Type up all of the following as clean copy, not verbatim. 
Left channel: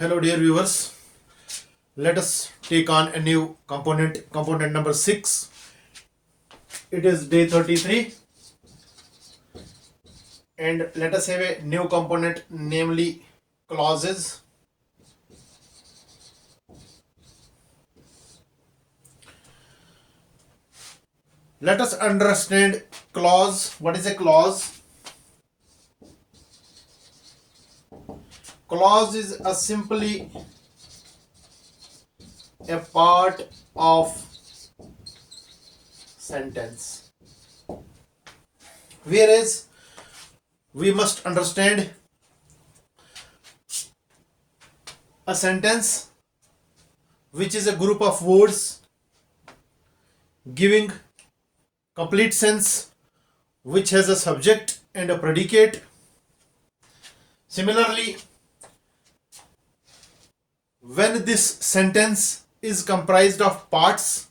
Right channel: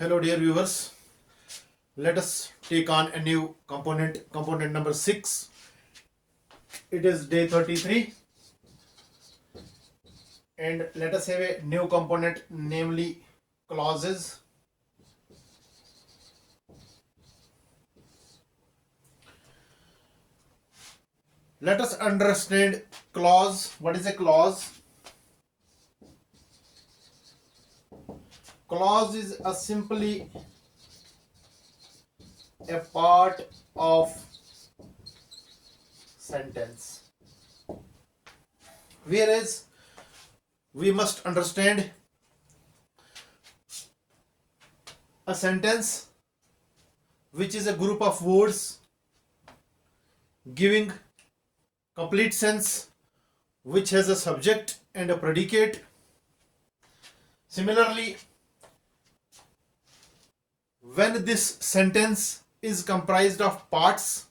Hello dear viewers, let us take on a new component number 6. It is day 33 and let us have a new component, namely clauses. Let us understand clause. What is a clause? Clause is simply a part of sentence, whereas we must understand a sentence which is a group of words giving complete sense, which has a subject and a predicate. Similarly, when this sentence is comprised of parts,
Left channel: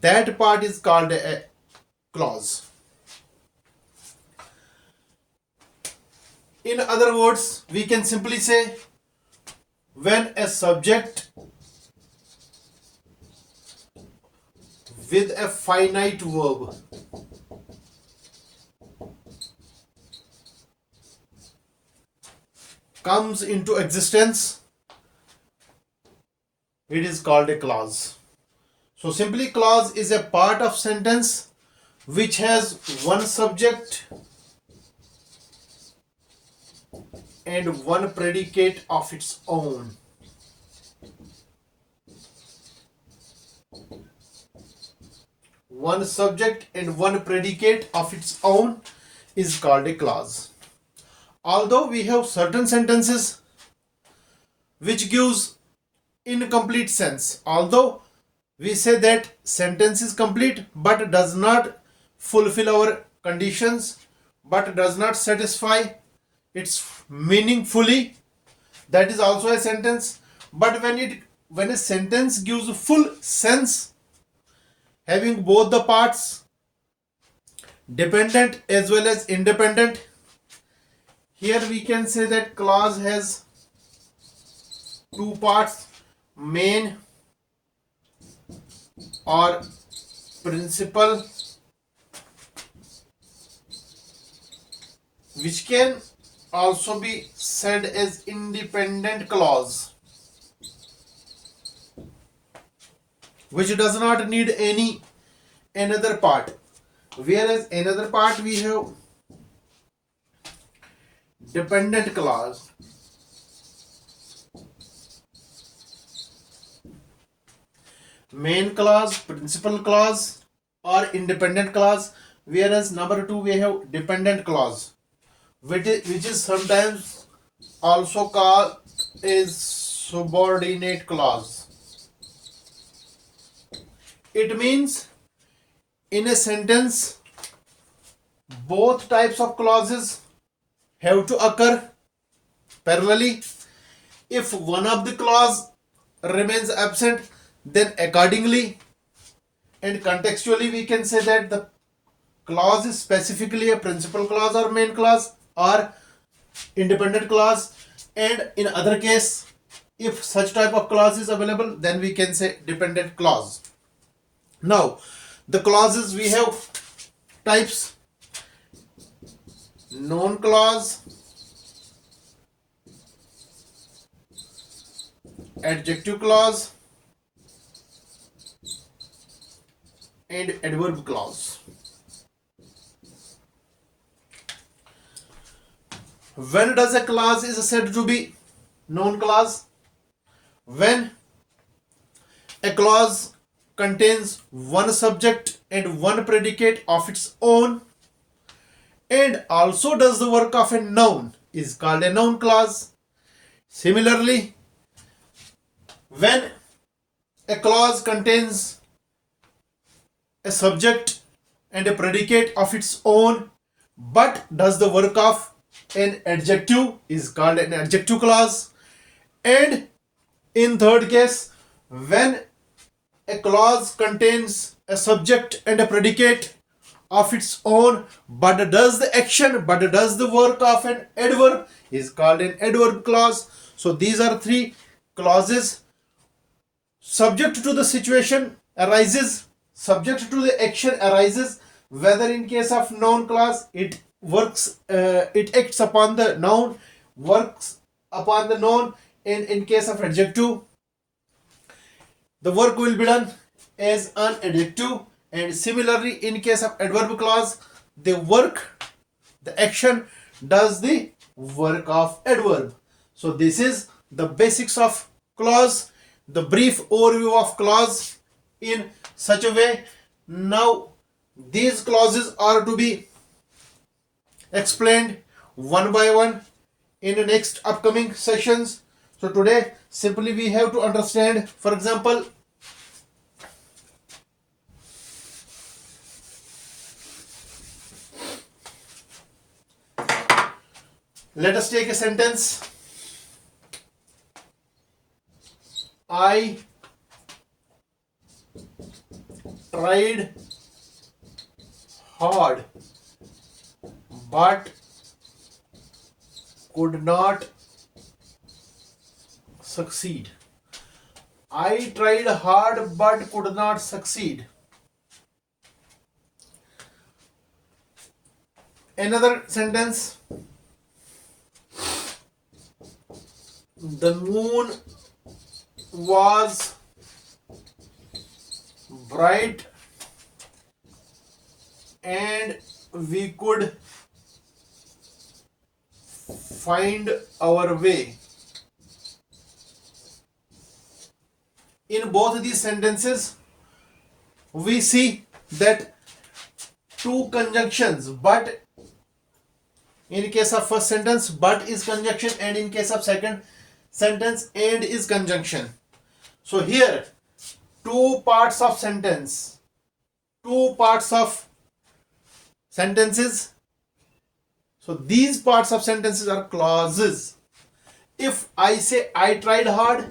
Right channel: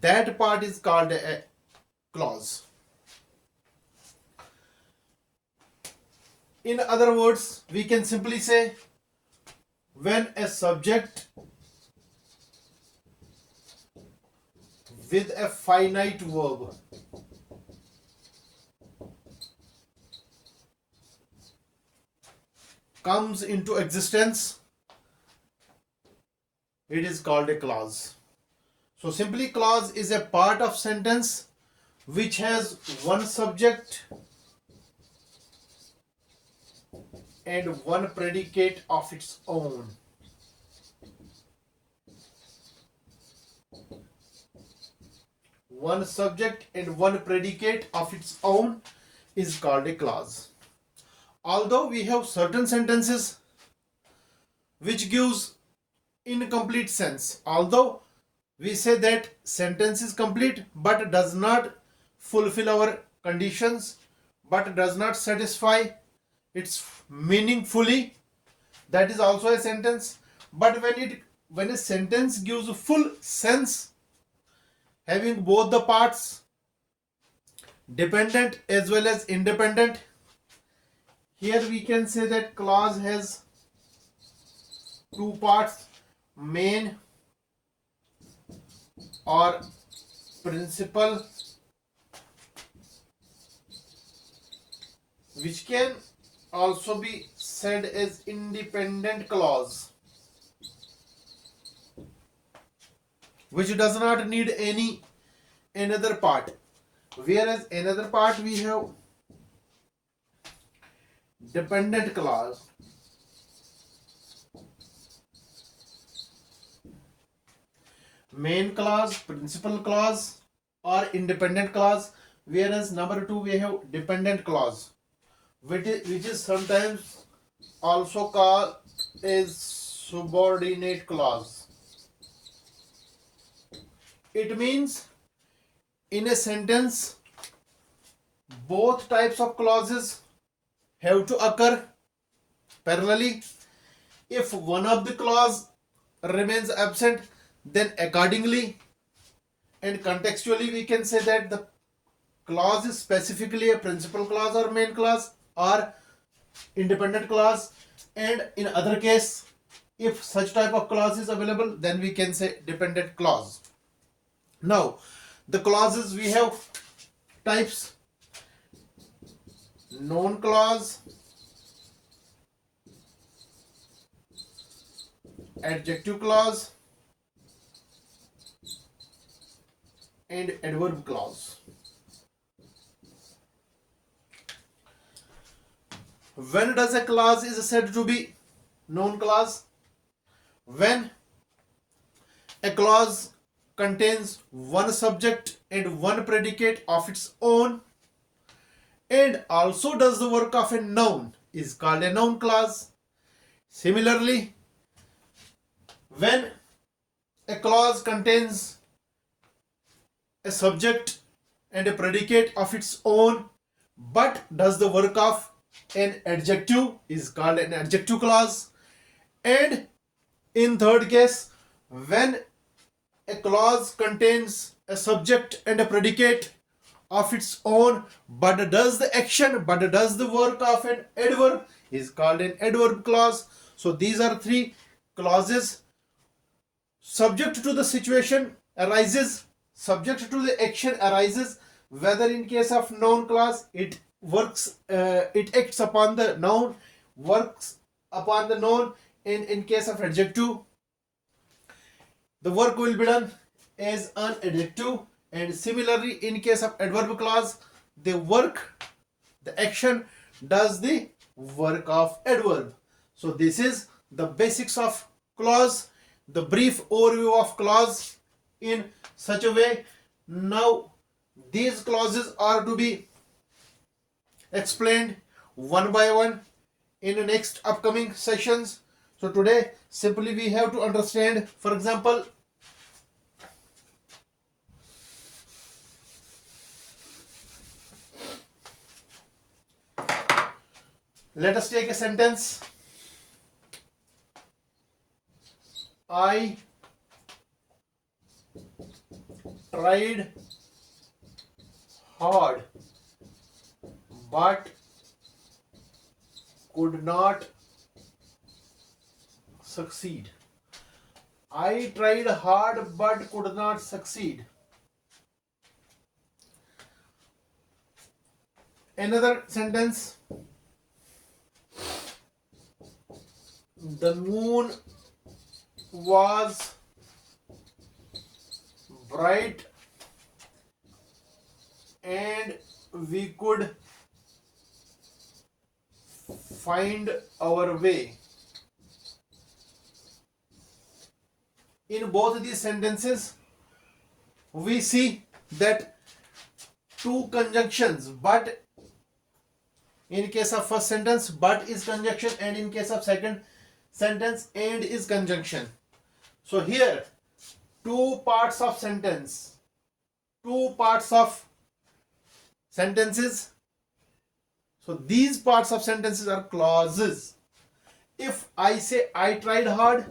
that part is called a clause. In other words, we can simply say when a subject with a finite verb comes into existence, it is called a clause. So simply, clause is a part of sentence which has one subject and one predicate of its own. One subject and one predicate of its own is called a clause. Although we have certain sentences which gives incomplete sense, although we say that sentence is complete but does not fulfill our conditions, but does not satisfy its meaning fully, that is also a sentence. But when a sentence gives full sense, having both the parts, dependent as well as independent, here we can say that clause has two parts, main or principal, which can also be said as independent clause, which does not need another part, whereas another part we have dependent clause. Main clause, principal clause or independent clause, whereas number 2 we have dependent clause, which is sometimes also called as subordinate clause. It means in a sentence both types of clauses have to occur parallelly. If one of the clause remains absent, then accordingly and contextually we can say that the clause is specifically a principal clause or main clause or independent clause, and in other case, if such type of clause is available, then we can say dependent clause. Now the clauses, we have types: noun clause, adjective clause and adverb clause. When does a clause is said to be noun clause? When a clause contains one subject and one predicate of its own and also does the work of a noun is called a noun clause. Similarly, when a clause contains a subject and a predicate of its own but does the work of an adjective is called an adjective clause. And in third case, when a clause contains a subject and a predicate of its own but does the action, but does the work of an adverb is called an adverb clause. So these are three clauses. Subject to the situation arises, subject to the action arises, whether in case of noun clause it works, it acts upon the noun, works upon the noun, and in case of adjective the work will be done as an adjective, and similarly in case of adverb clause the work, the action does the work of adverb. So this is the basics of clause, the brief overview of clause in such a way. Now these clauses are to be explained one by one in the next upcoming sessions. So today simply we have to understand, for example, let us take a sentence. I tried hard but could not succeed. I tried hard but could not succeed. Another sentence. The moon was bright and we could find our way. In both these sentences we see that two conjunctions, but in case of first sentence but is conjunction, and in case of second sentence and is conjunction. So here two parts of sentence, two parts of sentences. So these parts of sentences are clauses. If I say I tried hard,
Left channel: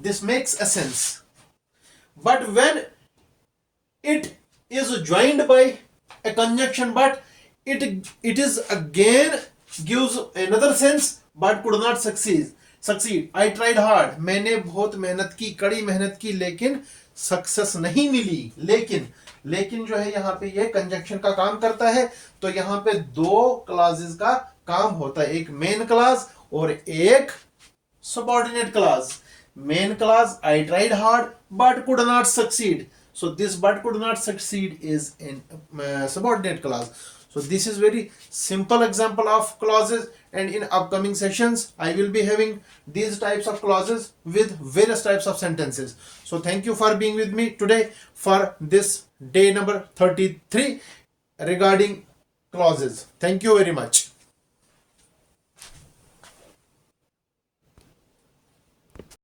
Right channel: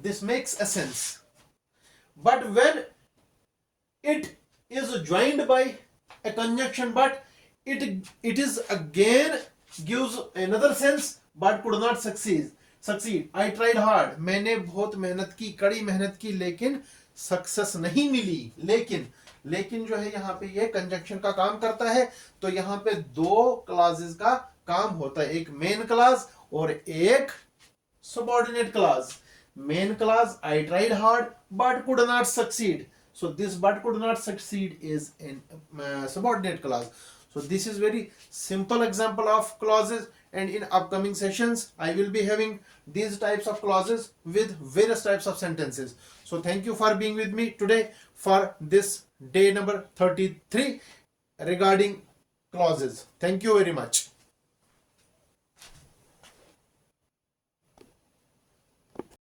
this makes a sense, but when it is joined by a conjunction but it is again gives another sense, but could not succeed. I tried hard, मैंने बहुत मेहनत की, कड़ी मेहनत की, लेकिन success नहीं मिली. लेकिन जो है यहाँ पे ये कंजंक्शन का काम करता है. तो यहाँ पे दो क्लासेस का काम होता है, एक मेन क्लास और एक subordinate class. Main clause, I tried hard but could not succeed. So this but could not succeed is in subordinate clause. So this is very simple example of clauses, and in upcoming sessions I will be having these types of clauses with various types of sentences. So thank you for being with me today for this day number 33 regarding clauses. Thank you very much.